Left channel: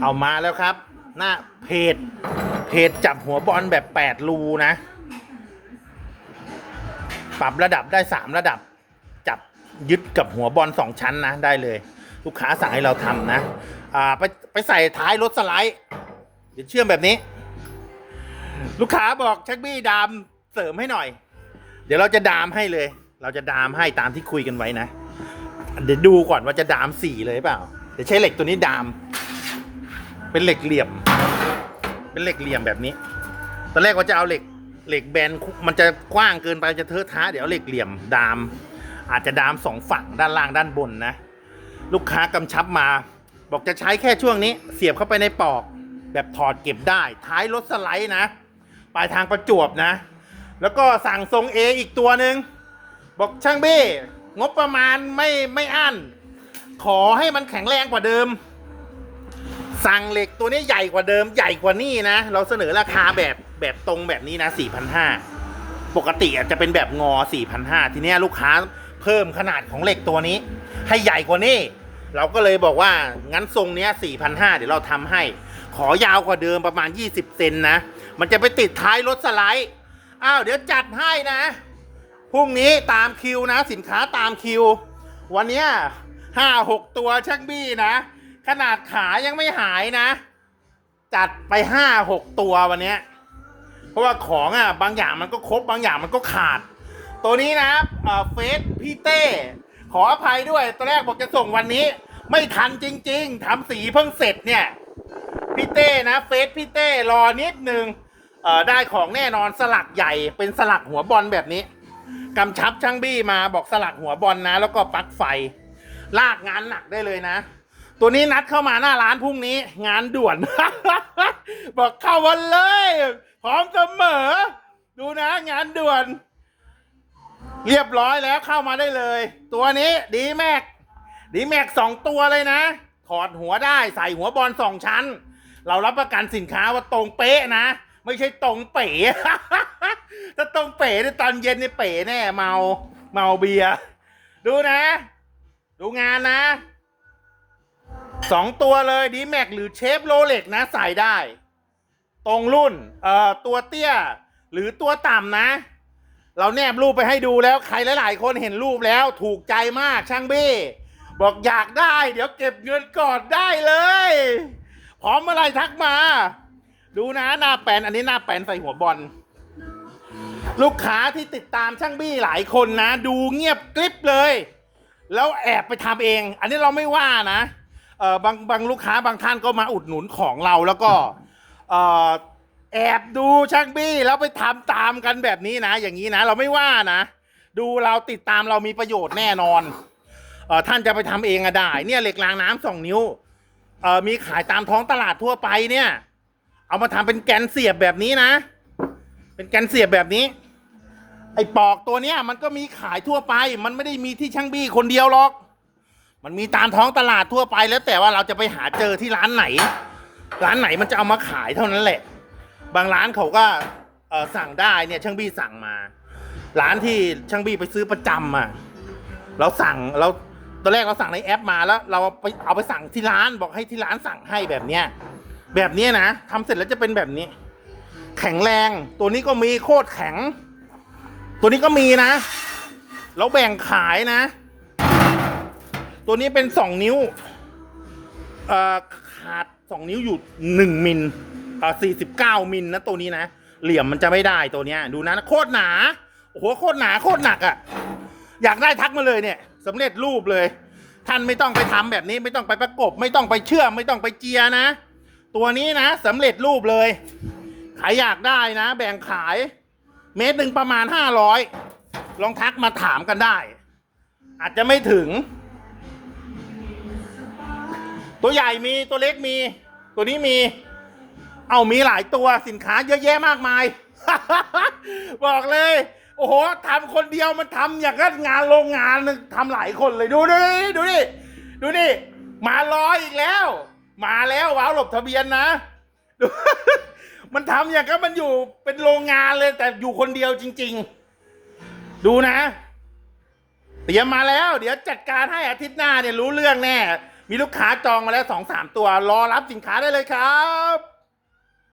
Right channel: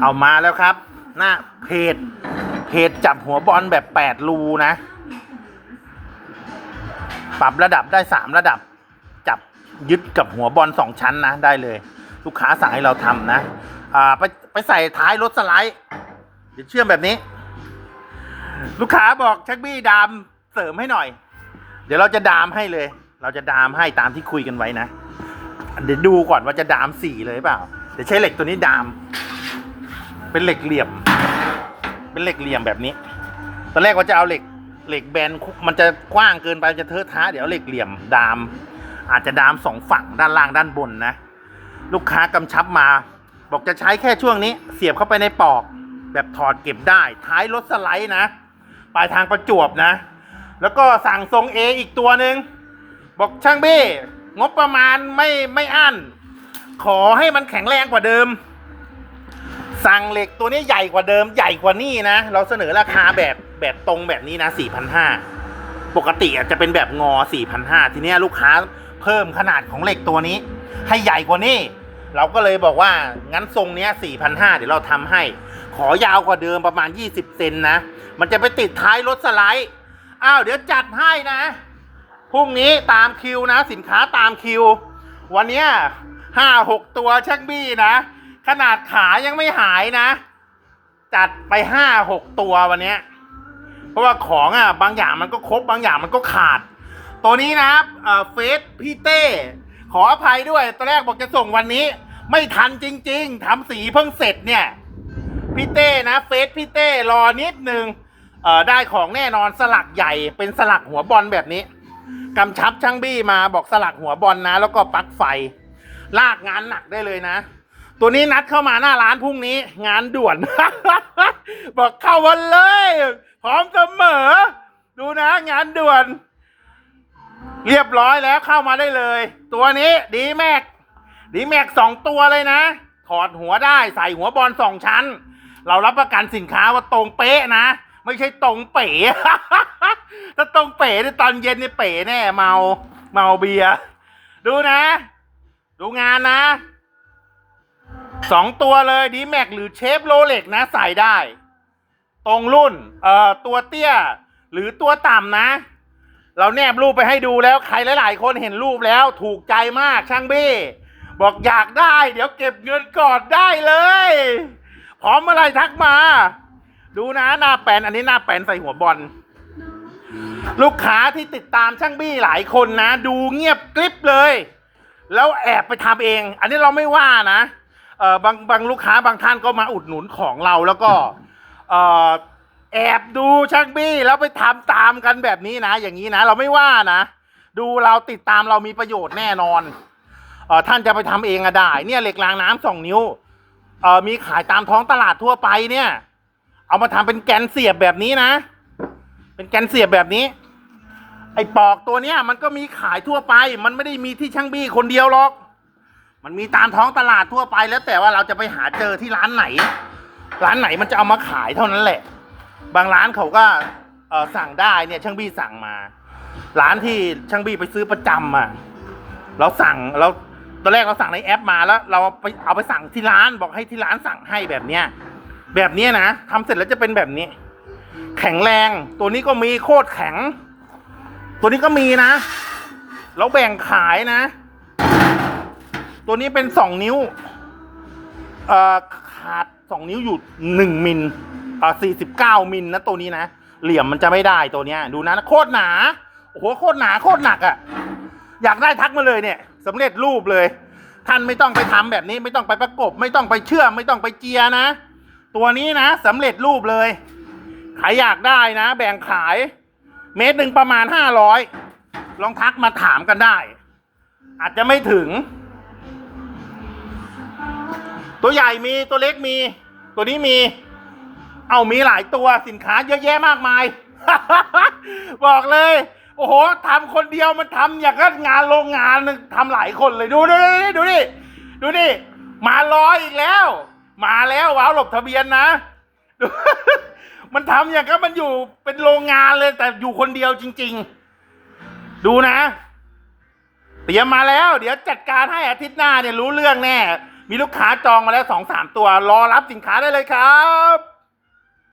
เอามาแล้วครับ หน้าเพจเพจจับหัวบอลแบบแปดรูนะ ปรับระดับได้สามระดับ จับยึดกับหัวบอลสองชั้นนะได้เลย ลูกค้าสั่งให้เราทำนะ อ่าไปไปใส่ท้ายรถสไลด์เดี๋ยวเชื่อมแบบนี้ ลูกค้าบอกชักบี้ดามเสริมให้หน่อย เดี๋ยวเราจะดามให้เลย เราจะดามให้ตามที่คุยกันไว้นะ เดี๋ยวดูก่อนว่าจะดามสีเลยเปล่า เดี๋ยวใช้เหล็กตัวนี้ดาม เป็นเหล็กเหลี่ยม เป็นเหล็กเหลี่ยมแบบนี้ ตอนแรกว่าจะเอาเหล็กเหล็กแบนมันจะกว้างเกินไปจะเทอะท้าเดี๋ยวเอาเหล็กเหลี่ยมดาม อาจจะดามสองฝั่งด้านล่างด้านบนนะ ลูกค้ากำชับมา บอกจะใช้แค่ช่วงนี้ เสียบเข้าไปในปอก แบบถอดเก็บได้ ท้ายรถสไลด์นะปลายทางประจวบนะ แล้วก็สั่งทรงเออีกตัวหนึ่งบอกช่างเบ้งบประมาณไม่ไม่อั้นขอให้มันแข็งแรงกว่าเดิม สั่งเหล็กตัวนี้ใหญ่กว่าเดิมใหญ่กว่านี่นะ เราเสนอราคาแบบแบบตรงแบบนี้นะ 4,500 ปกติอาจจะเป็นแบบงอ 4,500 ทีเนี้ยลูกค้าเพิ่มขนาดของเหล็กตัวนี้ ให้ใหญ่กว่านี้ เราก็เลยบอกว่างั้นทรงเนี้ย4,500 เดี๋ยวเราทำให้ ขอยาวกว่าเดิมประมาณ 20 เซนนะ มันจะไปติดท้ายรถสไลด์ อ้าวเดี๋ยวจัดให้นะ พรุ่งนี้ตามคิวนะ สินค้าตามคิว วันเนี้ยห้าหกตัวชักบี้นะ ขนาดขายังไม่หายนะ จัดไปห้าหกตัววันนี้ เพราะว่าของอะบางอย่างมันก็ครบบางอย่างมันก็ขาด ตัวนี้นะเอ่อเฟสพี่เต้ ขออภัยด้วยตอนแรกบอกจะส่งวันนี้ ไม่ทันจริง ๆทำสีเพิ่งเสร็จเนี่ยพี่เต้นะเฟสพี่เต้รอนิดนึงได้ของแน่นอนสลักใหญ่เป็นสลักหัวบอลแบบนี้กำชับช่างบี้มาบอกสลักหัวบอลนะ แล้วก็ปลั๊กไฟ ลากงานหนักได้เลยนะ ตัวนี้นัดเข้ามาหน้าร้านพรุ่งนี้ งานด่วน บอกเข้าวันเลย พร้อมเสมอ ดูนะ งานด่วน เรียบร้อยแล้วเข้ามาได้เลย ตัวนี้ดีแม็กดีแม็กสองตัวเลยนะ ถอดหัวได้ใส่หัวบอลสองชั้น เรารับประกันสินค้าว่าตรงเป๊ะนะ ไม่ใช่ตรงเป๋ถ้าตรงเป๋ในยตอนเย็นนี่เป๋แน่เมาเมาเบียร์ดูนะ ดูงานนะ สองตัวเลยดีแม็กหรือเชฟโรเล็กนะใส่ได้ ตรงรุ่นเอ่อตัวเตี้ยหรือตัวต่ำนะ เราแนบรูปไปให้ดูแล้วใครหลาย ๆ คนเห็นรูปแล้วถูกใจมากช่างบี้บอกอยากได้ เดี๋ยวเก็บเงินก่อนได้เลย พร้อมเมื่อไรทักมา ดูนะหน้าแปนอันนี้หน้าแปนใส่หัวบอลลูกค้าที่ติดตามช่างบี้หลายคนนะ ดูเงียบกริบเลย แล้วแอบไปทำเอง อันนี้เราไม่ว่านะ เออบางบางลูกค้าบางท่านก็มาอุดหนุนของเราแล้วก็เออแอบดูช่างบี้แล้วไปทำตามกันแบบนี้นะ อย่างนี้นะ เราไม่ว่านะ ดูเราติดตามเรามีประโยชน์แน่นอนเออท่านจะไปทำเองอะได้ เนี่ยเหล็กรางน้ำสองนิ้วเออมีขายตามท้องตลาดทั่วไปเนี่ย เอามาทำเป็นแกนเสียบแบบนี้นะ เป็นแกนเสียบแบบนี้ ไอ้ปอกตัวเนี้ยมันก็มีขายทั่วไป มันไม่ได้มีที่ช่างบี้คนเดียวหรอก มันมีตามท้องตลาดทั่วไปแล้วแต่ว่าเราจะไปหาเจอที่ร้านไหน ร้านไหนมันจะเอามาขายเท่านั้นแหละ บางร้านเขาก็เออสั่งได้เนี่ยช่างบี้สั่งมา ร้านที่ช่างบี้ไปซื้อประจำอะเราสั่งเราตอนแรกเราสั่งในแอปมาแล้ว เราไปเอาไปสั่งที่ร้านบอกให้ที่ร้านสั่งให้แบบเนี้ยแบบเนี้ยนะทำเสร็จแล้วจะเป็นแบบนี้ แข็งแรงตัวนี้ก็มีโคตรแข็ง ตัวนี้ก็มีนะ เราแบ่งขายนะ ตัวนี้เป็นสองนิ้วขาดสองนิ้วอยู่หนึ่งมิลอ่าสี่สิบเก้ามิลนะตัวนี้นะ เหลี่ยมมันจะไม่ได้ตัวเนี้ย ดูนะโคตรหนาโอ้โหโคตรหนาโคตรหนักอะ่ะ อยากได้ทักมาเลยเนี่ยสำเร็จรูปเลย ท่านไม่ต้องไปทำแบบนี้ ไม่ต้องไปประกบ ไม่ต้องไปเชื่อมไม่ต้องไปเจียนะ ตัวนี้นะสำเร็จรูปเลยใครอยากได้นะ แบ่งขายเมตรหนึ่งประมาณห้าร้อยลองทักมาถามกันได้ อาจจะไม่ถึง ตัวใหญ่มีตัวเล็กมี ตัวนี้มี เอามีหลายตัวสินค้าเยอะแยะมากมาย บอกเลย โอ้โหทำคนเดียวมันทำอย่างกับงานโรงงานทำหลายคนเลยดูดิดูดิดูดิมารออีกแล้ว มาแล้วว้าวหลบทะเบียนนะมันทำอย่างกับมันอยู่เป็นโรงงานเลย แต่อยู่คนเดียวจริง ๆ ดูนะ เตรียมมาแล้ว เดี๋ยวจัดการให้อาทิตย์หน้าเนี่ยรู้เรื่องแน่ มีลูกค้าจองมาแล้วสองสามตัว รอรับสินค้าได้เลยครับ